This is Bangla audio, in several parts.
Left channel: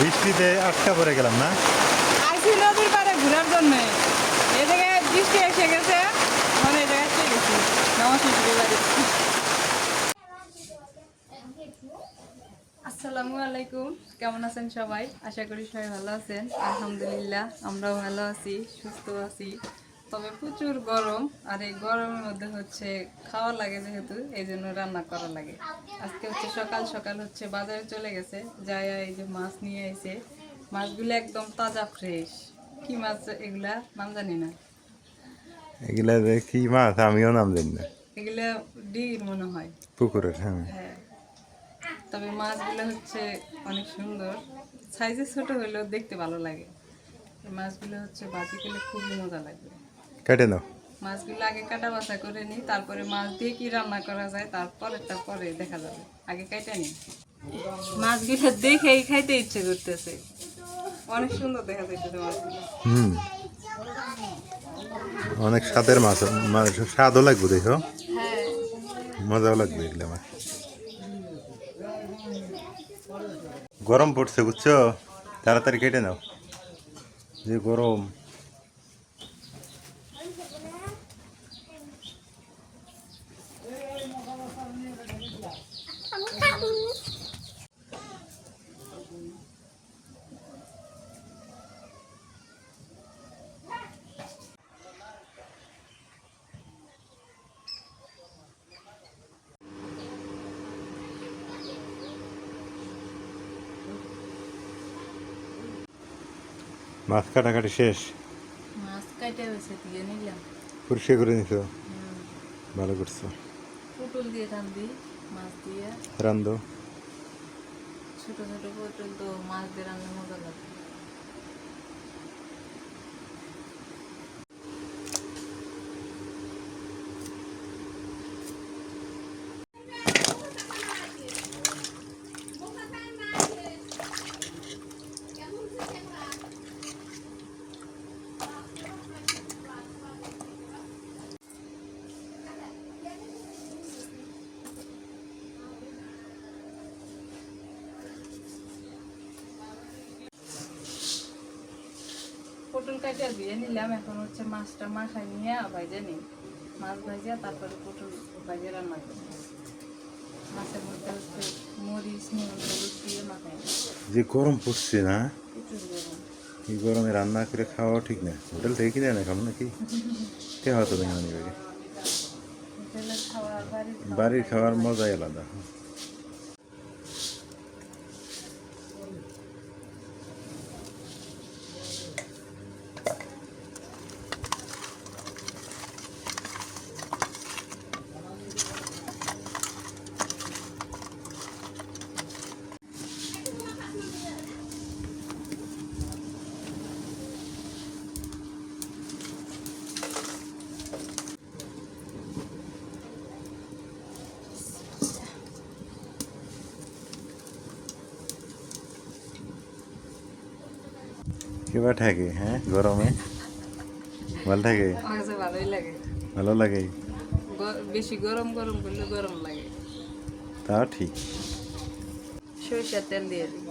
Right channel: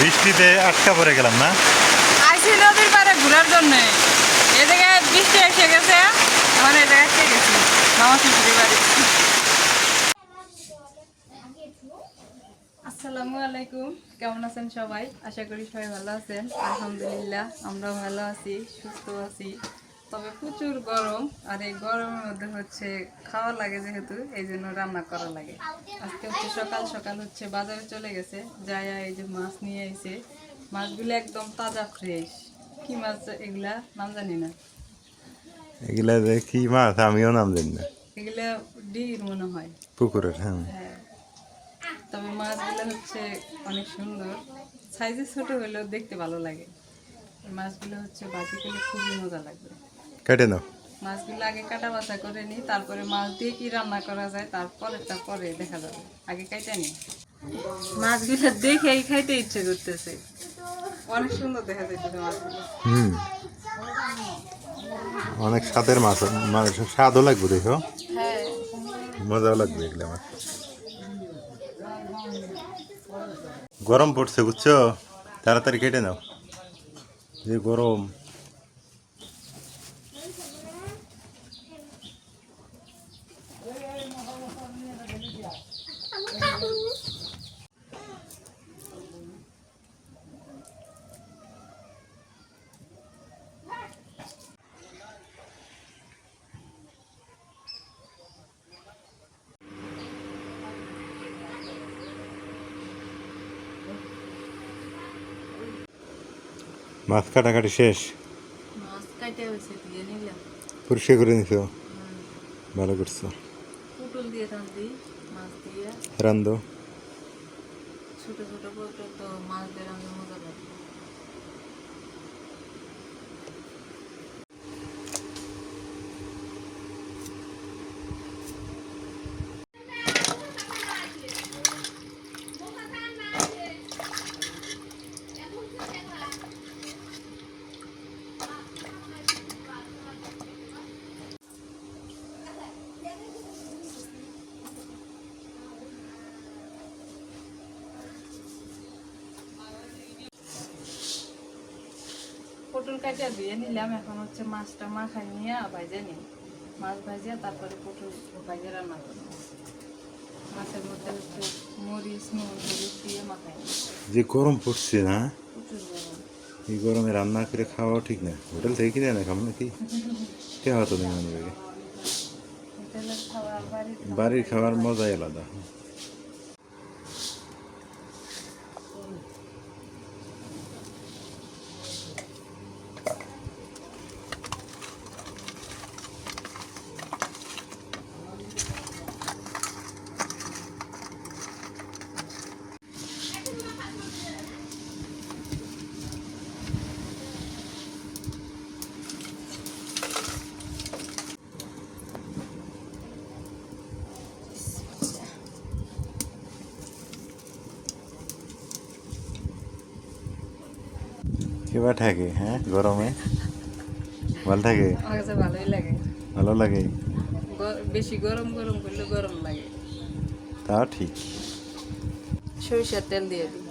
বৃষ্টিতে আটকা পড়ে গেলাম না। আইসি নদীর পাড়ে ঘোরার জন্য এ জায়গায় বৃষ্টি এসে গেছে, এখন এই জায়গায় এসে গেছি মামা শ্বশুরের বাড়ি। আসসালামু আলাইকুম, কেমন আছেন সবাই? আশা করি সবাই ভালো আছেন। আলহামদুলিল্লাহ আমরাও ভালো আছি, সুস্থ আছি। তবে প্রচুর গরম, আর এই গরমের মধ্যে হচ্ছে খাওয়া লাগে, যেহেতু এই জন্য রান্না করা লাগে। আজকে হচ্ছে সকাল সকাল হচ্ছে বাজারে চলে গেছে, যায় এই যে মাছ নিয়ে এসে। মাছগুলো একদম তাজা ফ্রেশ। কি মাছ এগুলা নাম জানি না। এগুলা যে কি মাছ আমিও নাম জানি না। এগুলা ডির মনে হয়, পুকুরের। হ্যাঁ, হ্যাঁ। তবে মাছগুলো হচ্ছে অনেক সুন্দর, সাইজে ছোট হলেও দেখতে ভালো লাগে। এই মাছগুলো হচ্ছে ভাজি করলে খুবই মজা লাগবে। কেটে নাও। মাছগুলো আগে কাটা বাছা করে নিই, তারপরে মাছ দিয়ে কি রান্না করা যায় তারপরেরটা পরে দেখা যাবে। আগে কাটা নিই। মাছগুলো দেখেই খাইতে ইচ্ছে করতেছে, অনেক সুন্দর দেখা যাইতেছে মাছগুলো। অনেক স্বাদের মাছ, স্বাদও লাগবে, দেখো হ্যাঁ, মজাও লাগবে এগুলো মাছ। গরম পড়ছে বুঝছো, তাড়াতাড়ি কেটে নাও, যে গরম। মাছ কাটাকাটি শেষ, মাছ কাটে হয়েছে দিয়ে নিলাম। পরিষ্কার করে নিছো, ভালো করছো। পুটল দিয়ে রান্ধি, মাছ দিয়ে রান্ধো। ছোট ছোট পুটল তো মাছ দিয়ে রান্ধতে মজা লাগে। পটল কাটিয়া ধুয়ে নিলাম, এখন হচ্ছে মাছটা মাখাই নিয়ে ভাজে নিই। মাছ ভাজিয়া তারপরে পটল ভাজিয়ে রান্না করব। মাছের মধ্যে হচ্ছে মরিচ, নুন, হলুদ দিয়ে মাখাই নিই। যে গরম পড়ছে না, প্রচুর গরম। এই গরমে রান্না করে খাওয়াও ঠিক না। হোটেল থেকে কিনে না খাবো নাকি, কে হতো না বাড়ি। হোটেলের খাবার বাড়ির খাওয়ার মজাই আলাদা। কেবা থাকে, হ্যাঁ গরমে ভালো থাকে। আমার কাছে ভালোই লাগে। ভালো লাগে, বেশি গরম গরম করলে গরম লাগে। তা ঠিক। সরিষার তেল দিয়ে দিই।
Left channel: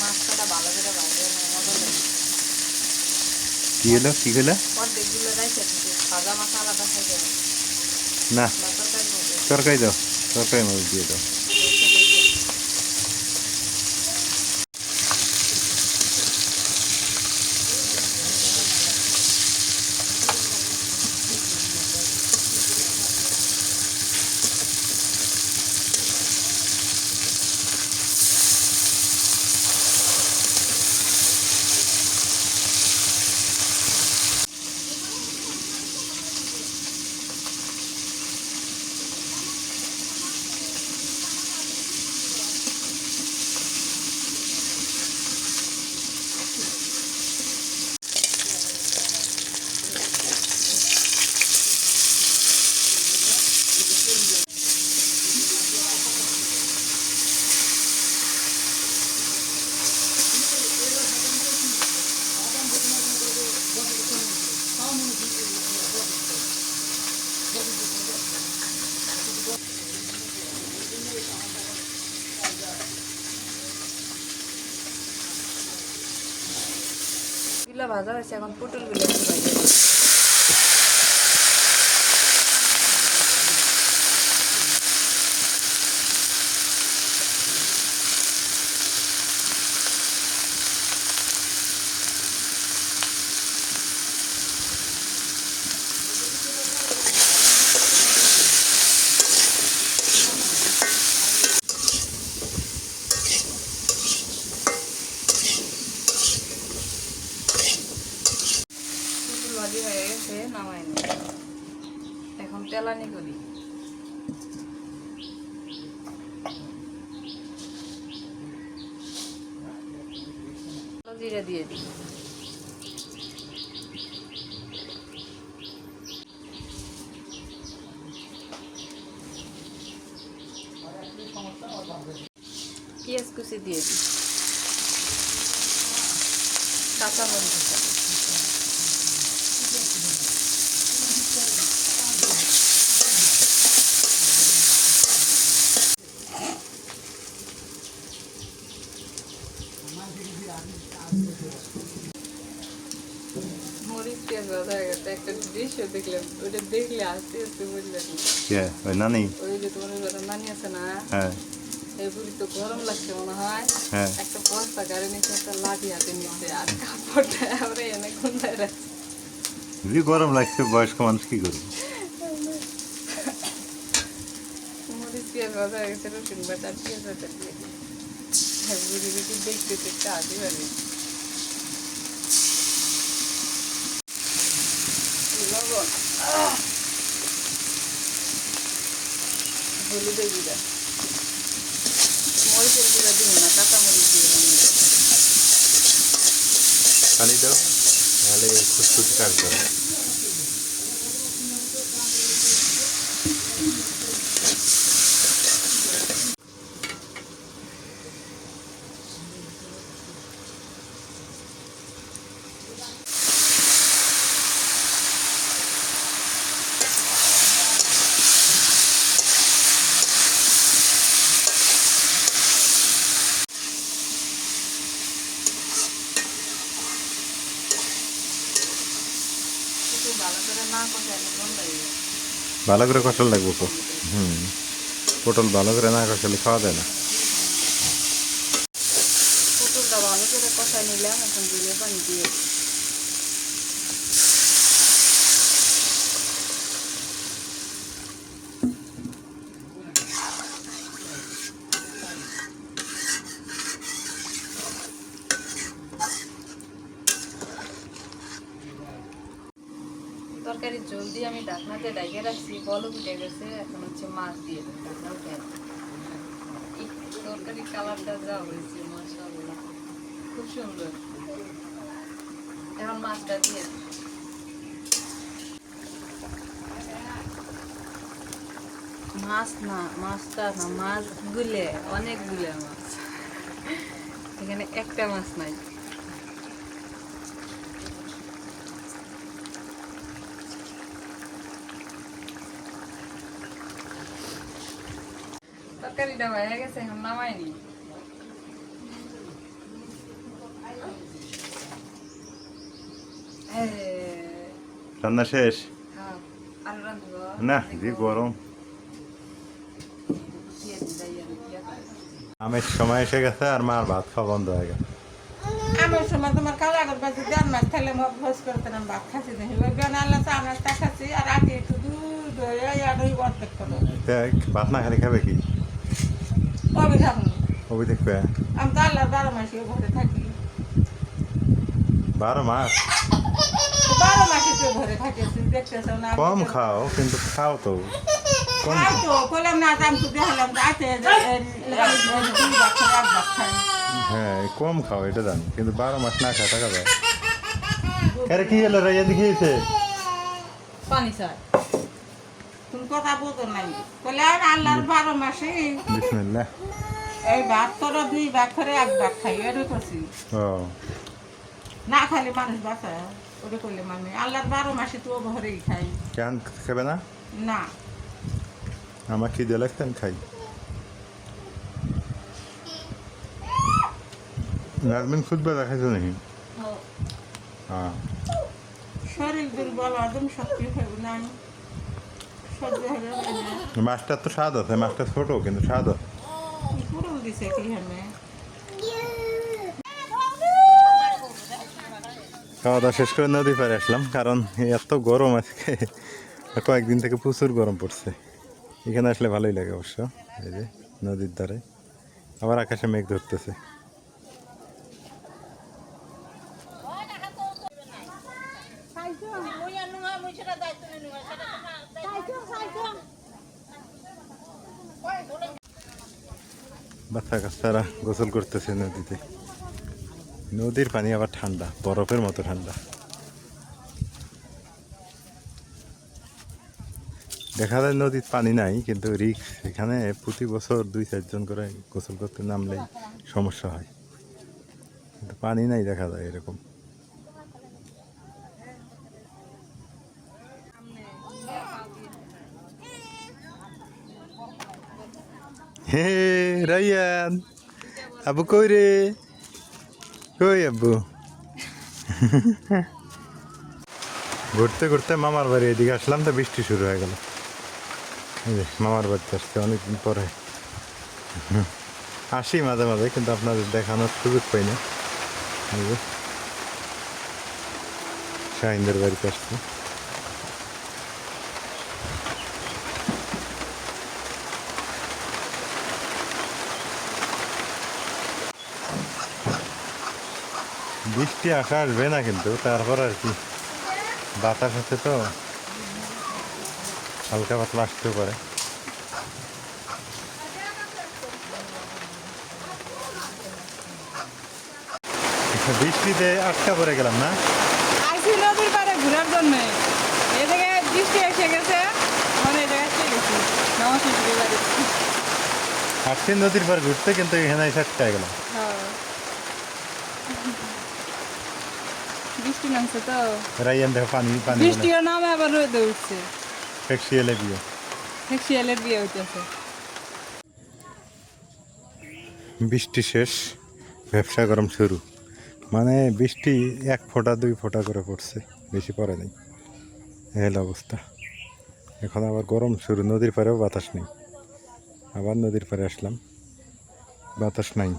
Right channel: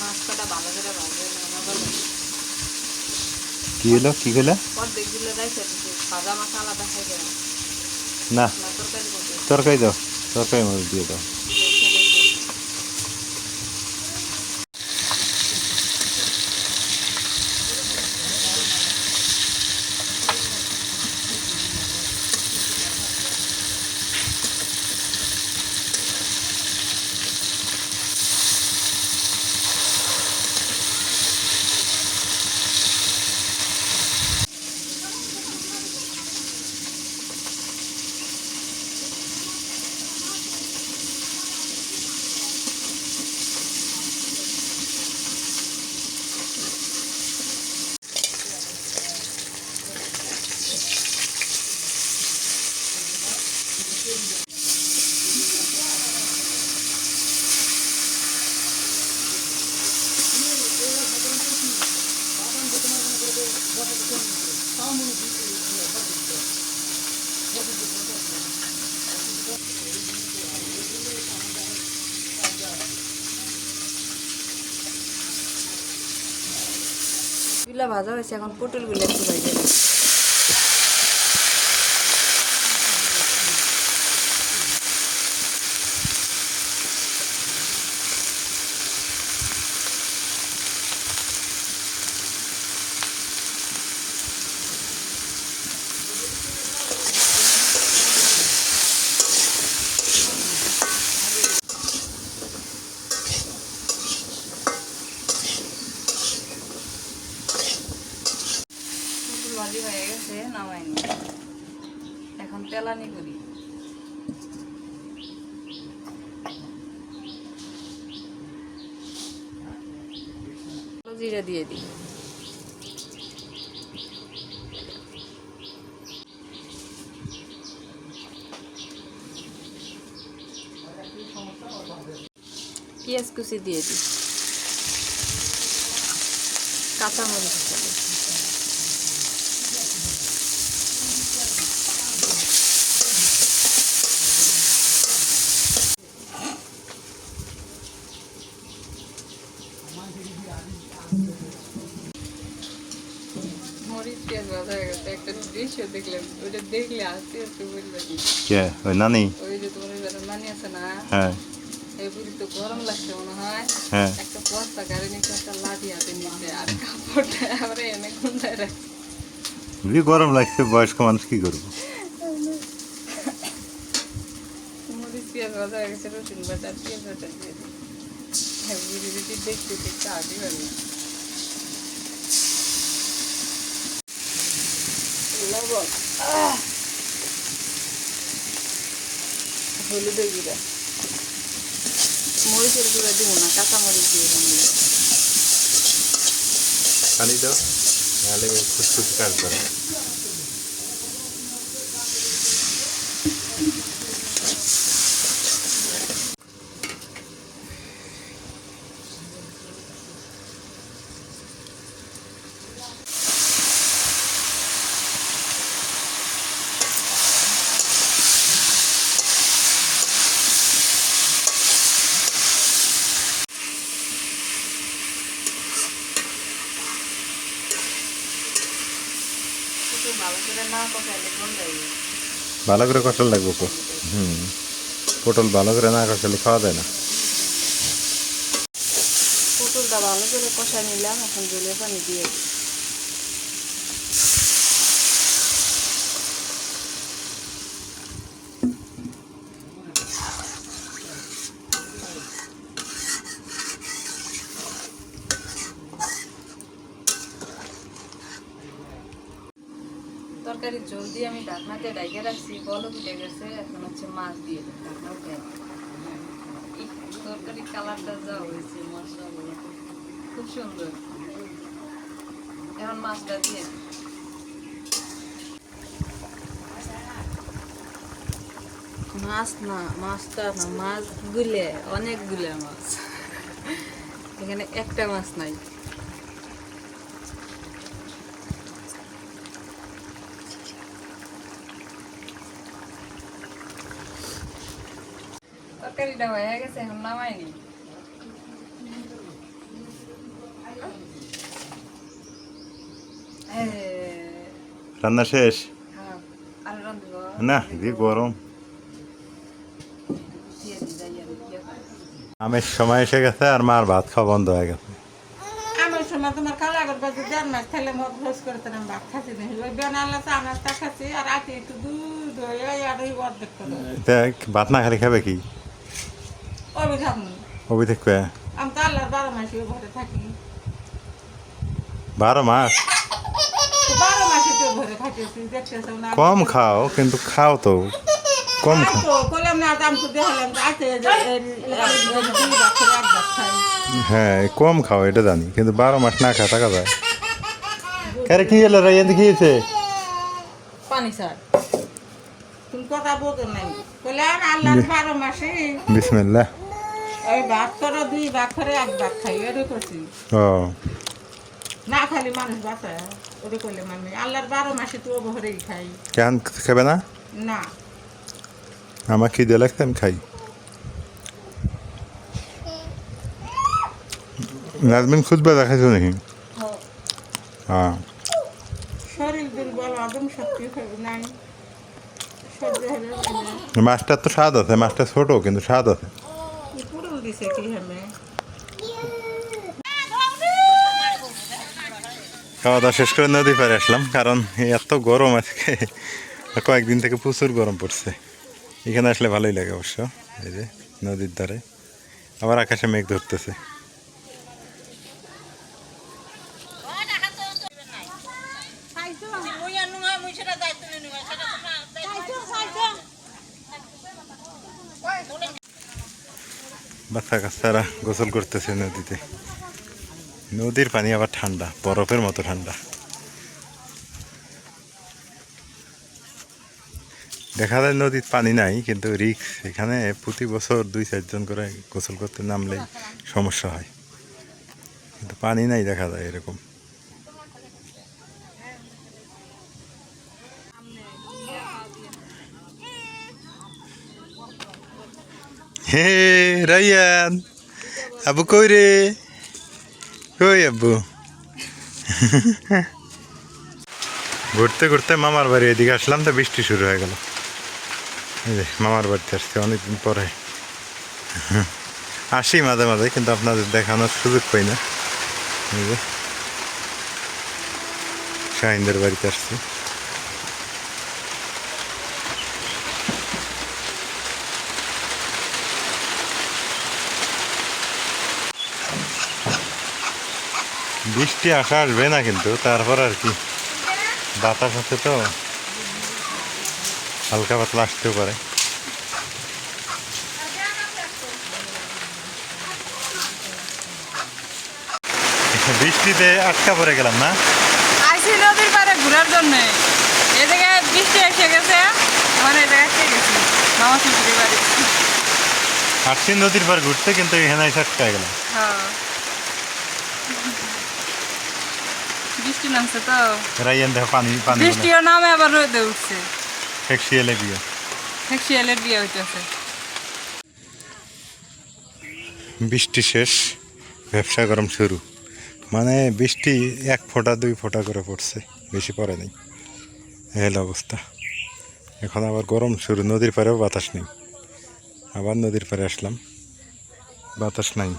মাছটা ভালো করে ভাজে না, মজা লাগে। কি হলো, কি হলো? অর্ধেকগুলো রাইখে দিতে, ভাজা মাছ আলাদা খাইতে হয় না, না, তরকারি মধ্যে তরকারি দাও, তরকারি মধ্যে দিয়ে দাও। রেখে রেখে। গুলা ভাজা হয়েছে, এখন পটলগুলো একটু ভাজা দিই। পটল ভাজি হয়ে গেছে, নামাই নি। এখন তেলানি করি। জিরা দিয়ে দিই। পেঁয়াজ কুচি দিয়ে দিই, কাঁচামরিচ দিই। মরিচ পেঁয়াজ ভাজা হয়ে গেছে। একটা দৃশ্য দেখলাম, ওইটা দেখলে আস্তে আস্তে বুঝবে কি কে ওই নানি? ওই যে তোমার যারা নানি আছে না, হ্যাঁ এই বুড়ি তো গরম লাগছে মনে হয়। হ্যাঁ একটা বস্তা গাড়ি নিচে, একটা লাঠি হাতে নিচে, আর কাপড়টা আমরা এনে গুন্ডায় রাখছি। যদি গরম লাগছে বয়স্ক মানুষ কি করবো? মরিচ পেঁয়াজ ভাজা হয়ে গেছে, রসুন বাটা আর পেঁয়াজ বাটা দিয়ে দিই। হ্যাঁ, বুড়ি দিদি দেখতে দেখতে হাসি পাবে। লবণ, হলুদের গুঁড়া, মরিচের গুঁড়া দিব না, কাঁচা মরিচ দিয়ে বানিয়ে। পানি দাও, নাহলে খুশখুশি কাটবে না। একটু ভালো করে না কষাইলে গন্ধাই। ভালো করে কষাল লাগবো তো। পটল ভালো করে না কষালে খাওয়া যায় না। পটলটা ভালো করে কষা নিলাম, এখন জলে পানি দিয়ে দিই। তরকারির ঝোল দিয়ে আমি ঢাকনাতে ডাইকে রাখছি, বলক উঠে গেছে। এখন হচ্ছে মাছ দিয়ে দিই, ঢাকনা উঠে। এই তরকারির কালারটা যা হয়েছে মাশাআল্লাহ, খুব সুন্দর। এখন মাছটা দিয়ে দিই। মাছ না, মাছটা না, মাছগুলো অনেকগুলো মাছ, এখানে একটা মাছ নাই। তরকারিটা হয়ে গেছে, এখন নামাইনি। রান্না শেষ? হ্যাঁ, আর রাঁধব না, কি গরম। দিয়ে দিই, যাই আর কি আছে। আমের সময় এসে গেছে আর মার ভাত খাওয়া বন্ধ হয়ে গেছে। আমার সময় তোমার কালা করবা যদি আমার খেলে মত ভোজ করতে না ভাত খাচ্ছি না ওই বেনালে তো আমার তা খাচ্ছি আর রাতে একটু দুধ আর ওই অর্ধেক করো তা ভাত না খালি খাবে কি? ওই থাকুন ওই দেখবে আমি তো আল্লাহর 12 মাসে ঘরে থাকি। 12 মাস? 12 মাসে তো ঘরে খাইতেছি, দেখতেছো না? কম খাও, কিন্তু খাও তো কম খাই খাও। তো কইলাম না দাম তো দেখালাম তো আছে দুই ভাত করে এক ভাত খাই। হ্যাঁ কম খাও এটা জানি, কিন্তু 12 মাস না খা থাকা যায়। আরে কি হলো রে, এদিকে গিয়েছে পানি স্যার, তুমি কথা বলতো নাই কইলাম আল্লাহর 12 মাসে বিসমিল্লাহ। এই ভাত করো দুই ভাত করে এক ভাত খাই এরও করছি ও না খাইলে মানুষ বাঁচা ওরে করলে মানে আল্লাহর 12 মাসে তো ঘরেই খাই কেন খাবে না? না। আমার খিদে লাগছে আমি খাই। নাজমিন খুঁজবে দেখাইছো নাকি? হ্যাঁ শরীর দুর্বল আদম শক্তি হবে না সহ্য হবে না মাছটার তো স্বাদ আছে, মাছটা ছোট কিন্তু স্বাদ আছে। পুরুল দিছে কি হবে খাওয়া দাওয়া শেষ করে নদী পাড়ে আসলাম, কারণ এত গরম আজকে, কয়েকদিন থেকে প্রচুর গরম পড়ছে। এখানে আসলে ভালোই লাগে অবশ্য, এই যে নদীর ধারে, আবার আকাশে মেঘ ধরতেছে। বাচ্চা কাচ্চারা গোসল করতেছে নদীতে। নদীর পানি আবার ঠান্ডা, বরফের মতো ঠান্ডা। দেখা যায় নদীর পানি নাই, কিন্তু রিক্স। এখানে প্রতি বছর 2-4 জন করে গোসল করতে নামলেই সমস্যা হয়, কিন্তু পানি নাই দেখা যায় এরকম। হে রাইয়ান, আবু কই রে? কই আব্বু? ঘুরতে ঘুরতে মামার বাড়ি এদিকে আসলাম, তো বৃষ্টি শুরু হয়ে গেল। এই যে মামার বাড়িতে আসছে অনেকদিন পরে। আসি মাঝে মাঝে, কিন্তু আপনাদের দেখানোর সুযোগ পাই না। এই যে শাহিনদের বাড়িতে আসছি। বৃষ্টি আসবে না, কিন্তু তারপর আর কি, বাতাস আছে তো, হালকা পাতলা আসতেও পারে। বৃষ্টিতে আটকা পড়ে গেলাম না? আইসি নদীর পাড়ে ঘোরার জন্য, এ জায়গায় বৃষ্টি এসে গেছে, আমার এই জায়গায় এসে গেছি মামা শ্বশুরের বাড়ি। আসছি নদীর পার ঘুরতে, কিন্তু এখানে এসে আটকা গেলাম। হ্যাঁ, বৃষ্টি নামছে তো, রাইয়ান দেখো পানি পানি বৃষ্টিও নামে আবার রোদে উঠছে। ফেকশিয়ালে বিয়ে। শিয়ালের বিয়ে হইতেছে। বৃষ্টি শেষ, ব্যবসা গরম শুরু। মানে বৃষ্টি 1 ফোঁটা 2 ফোঁটা করে পড়ছে, বেশি পড়ে নাই। এই অবস্থা। এখন আবার গরম শুরু, নদীর পাড়েও বাতাস নেই। আবার নদীর পাড়ে আসলাম, বাতাস নাই।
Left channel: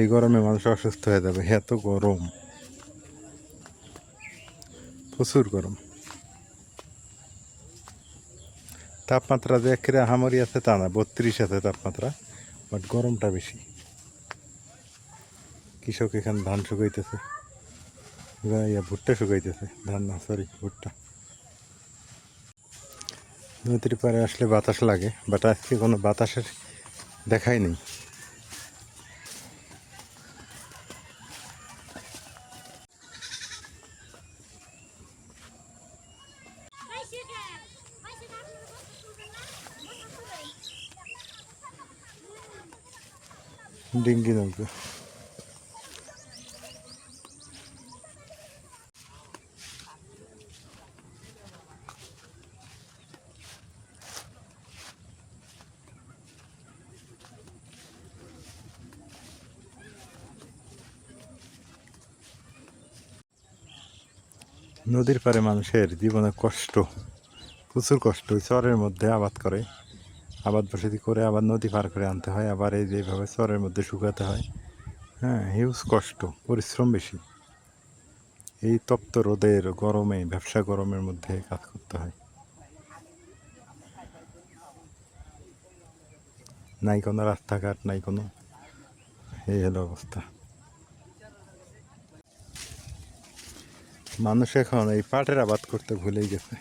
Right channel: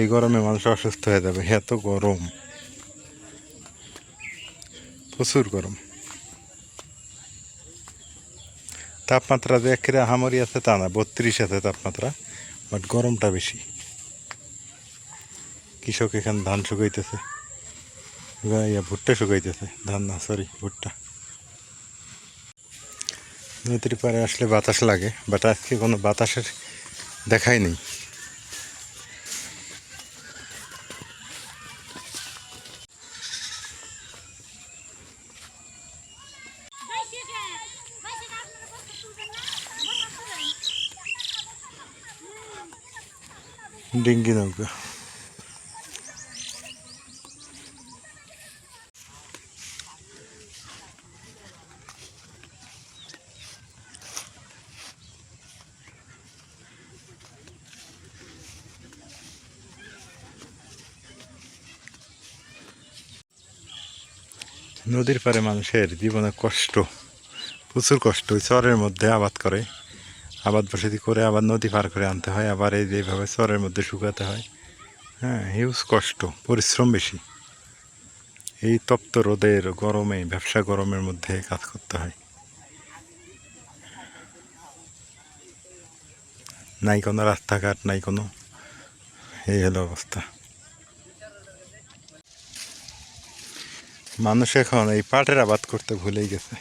এই গরমে মানুষ অসুস্থ হয়ে যাবে, এত গরম, প্রচুর গরম। তাপমাত্রা যে একেবারে আহামরি আছে তা না, 32 আছে তাপমাত্রা, বাট গরমটা বেশি। কৃষক এখানে ধান শুকাইতেছে, ভুট্টা শুকাইতেছে, ধান না সরি ভুট্টা। নদীর পাড়ে আসলে বাতাস লাগে, বাট আজকে কোনো বাতাসের দেখাই নেই। ডিঙ্গি নৌকা। নদীর পাড়ে মানুষের জীবনে কষ্ট, প্রচুর কষ্ট। ওই চরের মধ্যে আবাদ করে, আবাদ বসতি করে আবার নদী পার করে আনতে হয়, আবার এই যেভাবে চরের মধ্যে শুকাতে হয়। হ্যাঁ, হিউজ কষ্ট, পরিশ্রম বেশি। এই তপ্ত রোদের গরমে, ব্যবসা গরমের মধ্যে কাজ করতে হয়। নাই কোনো রাস্তাঘাট, নাই কোনো, এই হলো অবস্থা। মানুষ এখন এই পাটের আবাদ করতে ভুলেই গেছে।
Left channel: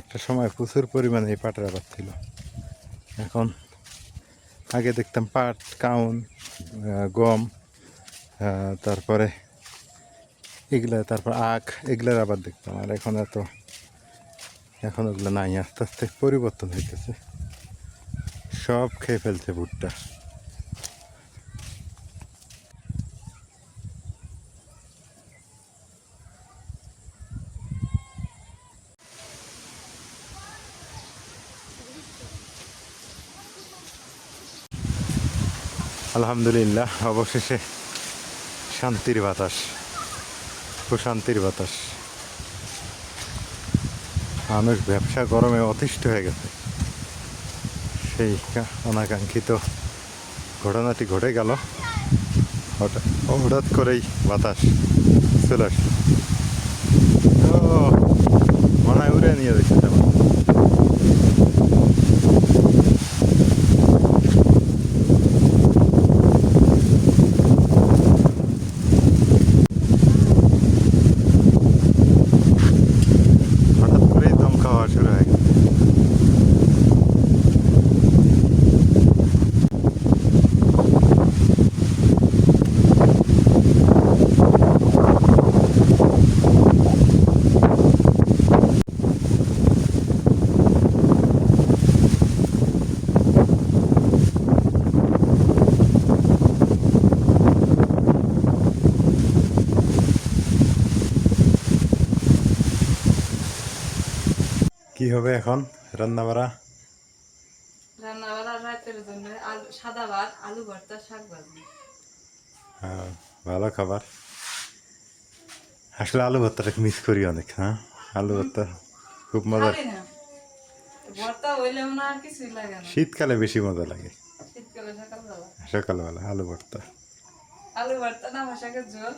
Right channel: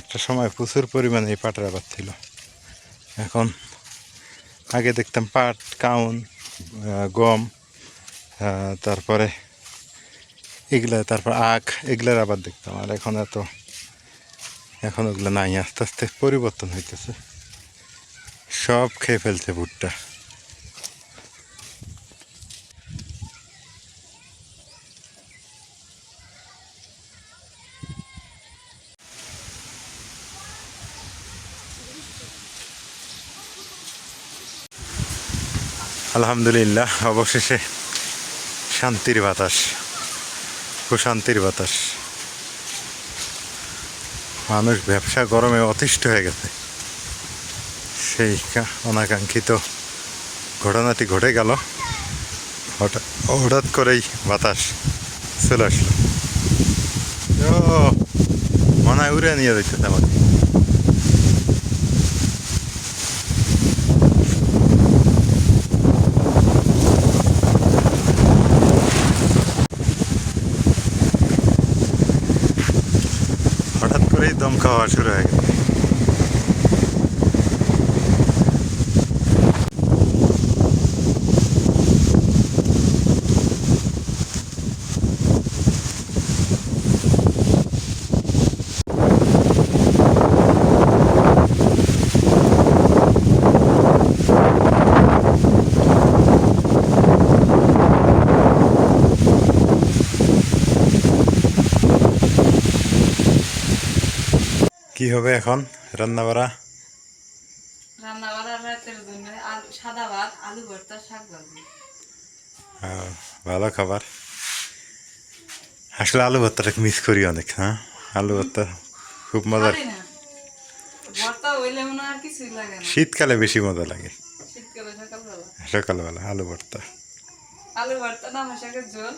একটা সময় প্রচুর পরিমাণে এই পাটের আবাদ ছিল। এখন আগে দেখতাম পাট, কাউন, গম, তারপরে এগুলা, তারপর আখ, এগুলার আবাদ দেখতাম। আর এখন ওগুলো নাই, আস্তে আস্তে পরিবর্তন হইতেছে। সব খেয়ে ফেলছে ভুট্টা। আলহামদুলিল্লাহ, অবশেষে শান্তির বাতাস। প্রশান্তির বাতাস। মানুষ ব্যবসা গরমে অতিষ্ঠ হয়ে গেছে। সেই অনাকাঙ্ক্ষিত ঘটনাটি ঘটে গেল, হঠাৎ হঠাৎ করেই বাতাস চলে আসলো। ও মনে হয় উড়ে নিয়ে যাচ্ছে তেমন। হঠাৎ করেই দমকা হওয়া শুরু হয়ে গেছে। কি হবে এখন রান্না বাড়া? রান্না বাড়া রাতের জন্য আলু সাদা ভাত, আলু ভর্তা, শাক ভাজি। ভালো খাবার। আসলে আলু ভর্তাটাকে মিস করি অনেক। হ্যাঁ, আলু ভর্তা খুব মজার। খালি না, ভর্তা হইলে মনে হয় আর কিছুই লাগে না। শীতকালে বেশি মজা লাগে। শীতকালে সকালবেলা সকালবেলা আলু ভর্তা। আলু ভর্তা না শাকের ঝোল।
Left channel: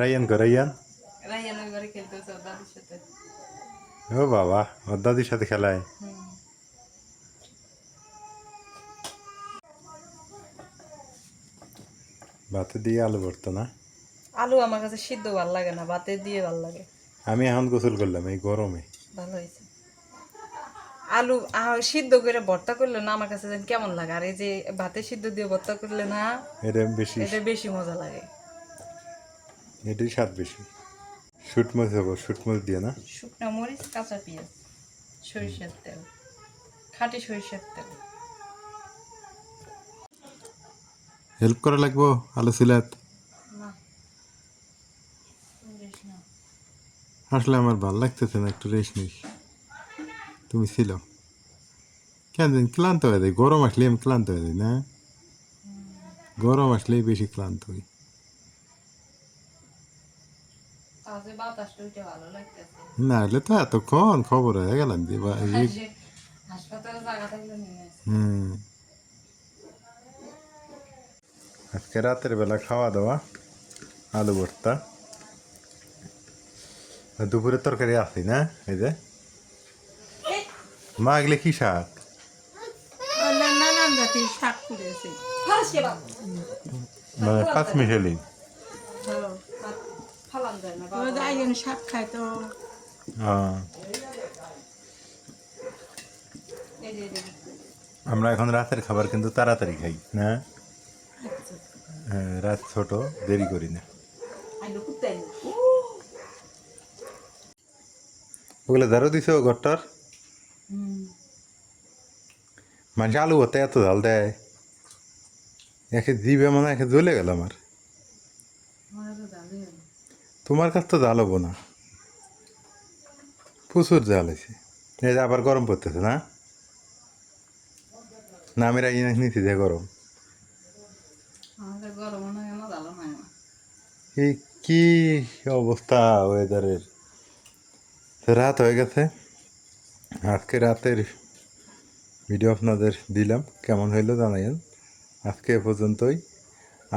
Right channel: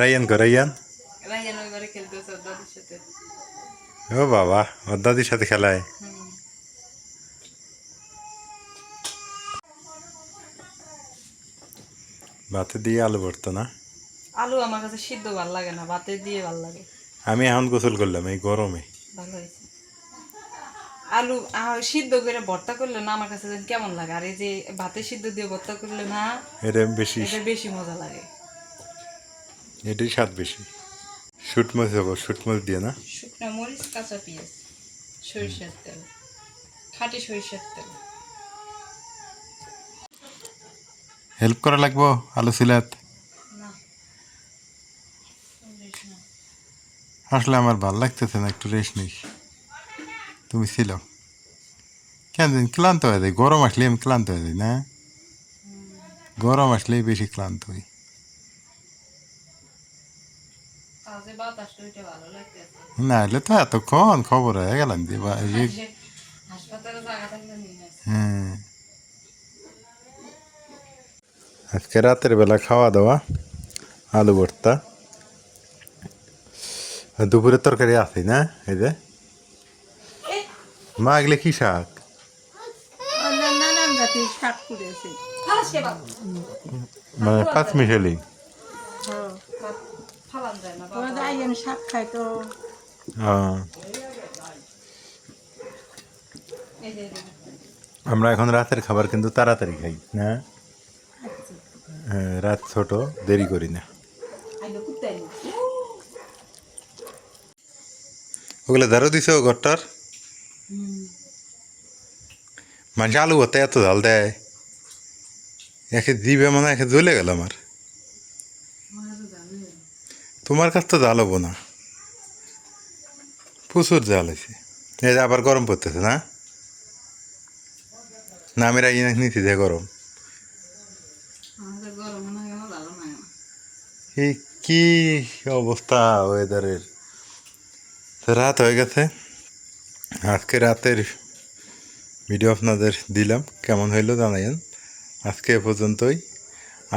রাইয়ান কো রাইয়ান। রাইয়ান ওই ঘরে খেলতেছে ওর দাদির সাথে। ও বাবা, ওর দাদির সাথে খেলায়। ভাতে দিয়ে আলু ভর্তা না? আলু আমার কাছে সিদ্ধ ভালো লাগে না, ভাতে দিয়ে ভালো লাগে। আমি এখন গোসল করলাম এই গরমে। ভালো হয়েছে। আলু সিদ্ধ করে ভর্তা করলে না আমার কাছে যেন কেমন লাগে, আর এই যে ভাতে সিদ্ধ দিয়ে ভর্তা করলে না এটা বেশি, এটা বেশি মজা লাগে। এটাই স্বাদ বেশি। শুটমাছ হবো, শুটমাছ দিয়ে না? শুকনো মরিচ, কাঁচা পেঁয়াজ, সরিষার তেল, খাঁটি সরিষার তেল। হেল্প করা লাগবো আলু সিলাত? না আসলে আমার ভাল লাগতেছে না, একটু রেস্ট নেই। তুমি ছিল কেন দিন ক্লান্ত হয়ে যায়, গরম আসলে আমি ক্লান্ত হয়ে যাই না? গরম আসলেই বেশি ক্লান্ত হই। তাহলে বাতাসটা ওইটা ভালো লাগতেছে। না হলে তো এতক্ষণ খবর হয়ে গেলাম যে হাসপাতালে জায়গা থাকলে নিয়ে আসে। হ্যাঁ। আজকে রাতের বেলা খাওয়া দাওয়া আলু ভর্তা, আর দুপুরের তরকারি আছে না? এই যে মা, এগুলো কি শাক? নানান জাতির শাক করেছে। মানে পাঁচমিশালি। ফালান যায় না ওই যে আইন শাক খায় তো। এই যে আমরা এখন রাতের খাবার কিন্তু তাড়াতাড়ি খাই না? হ্যাঁ, রাত ছোট, দেরি করি না। ওগুলো ধারো দিছো ঘরটার? মানুষ আলু ভর্তা এত ঝাল দেয়, একে দিবে মনে হয় একে জ্বলে গেল আমার। তোমার কাছ তো জাল হবো না, প্রচুর জাল হয়েছে। এই যে আবার গরম পড়তেছে না? না আমি রাখি নিচ্ছি যে গরম। আমাদের গরম মনে হয় ভালো নয়। এই কি অবস্থা ওয়েদারের! রাত হয়ে গেছে, আজকে রাতের ভিডিও আপনাদের দিলাম, কেমন হইলো জানাইন। আজকে এ পর্যন্তই।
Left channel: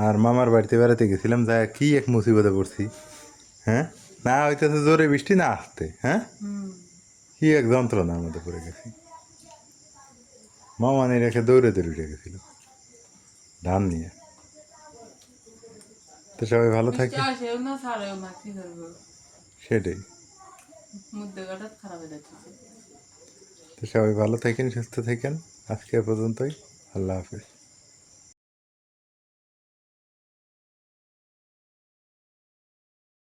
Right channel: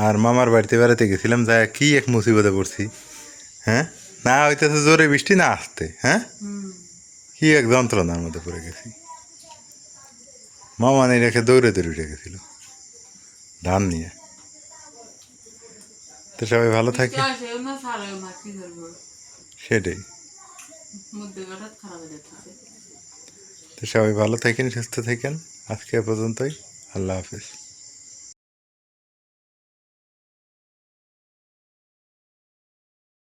আর মামার বাড়িতে বেড়াতে গেছিলাম, যা কি এক মুসিবতে পড়ছি। হ্যাঁ, না হইতেছে জোরে বৃষ্টি, না আসতে। হ্যাঁ, কি এক যন্ত্রণার মধ্যে পড়ে গেছি। মামা নিয়ে রেখে দৌড়ে দৌড়ে উঠে গেছিল ধান নিয়ে। তো সবাই ভালো থাকে, সেটাই। তো সবাই ভালো থাকেন, সুস্থ থাকেন। আজকে এ পর্যন্তই। আল্লাহ হাফেজ।